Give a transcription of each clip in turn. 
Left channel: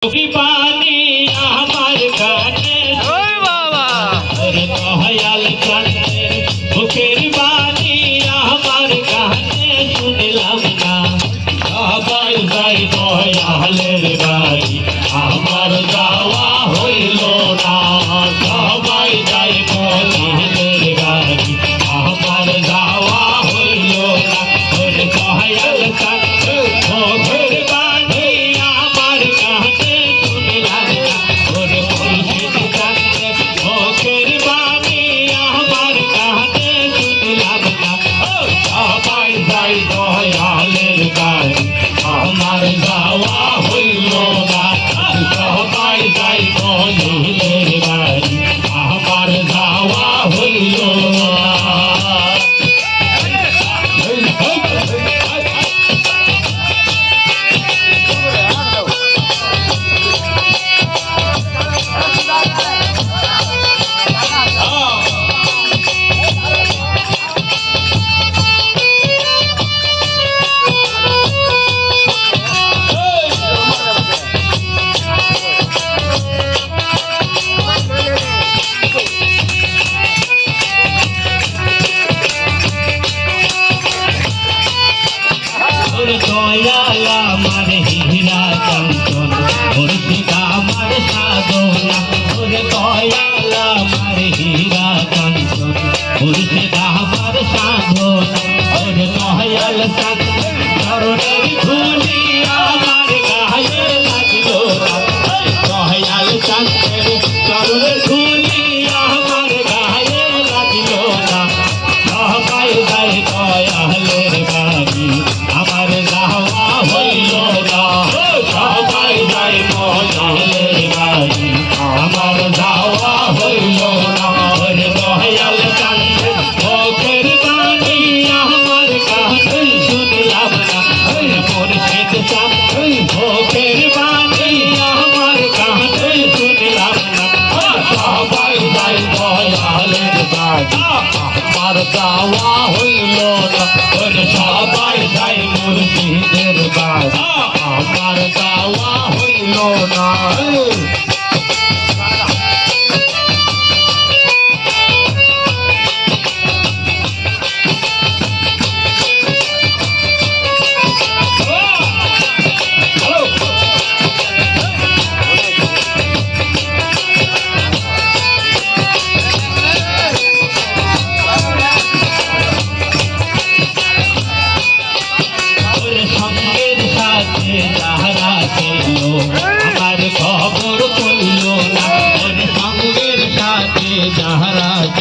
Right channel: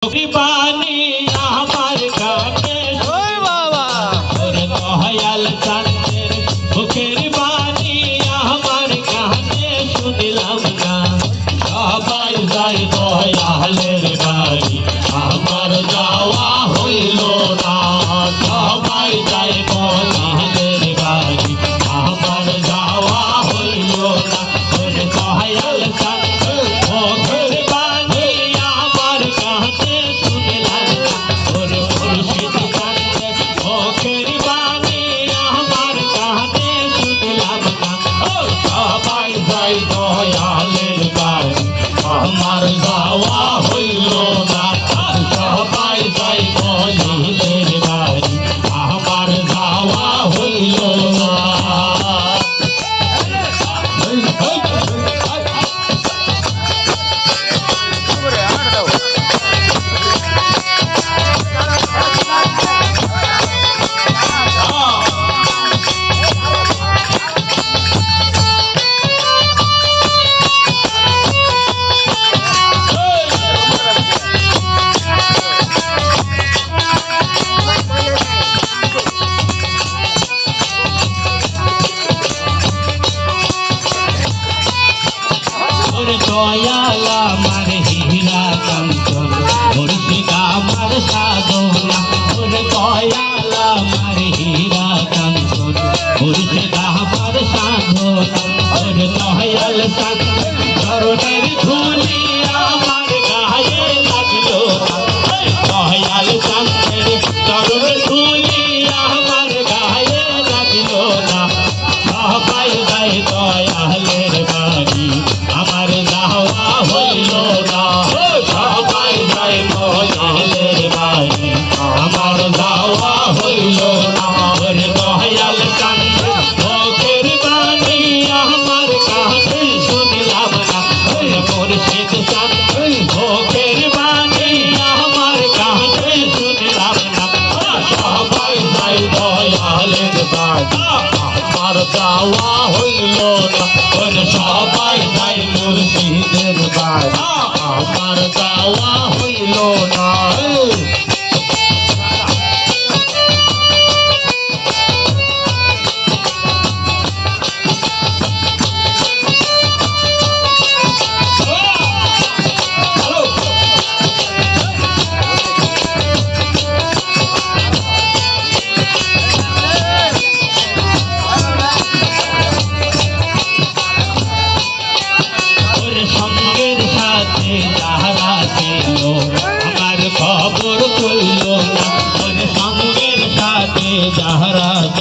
Tu ki paani Dayal আমার হীরা চন্দন। ওর শিকা আমার সাধনা। ওর দয়াল আমার হীরা চন্দন। ওর শিকা tchau my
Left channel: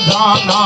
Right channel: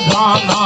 দানা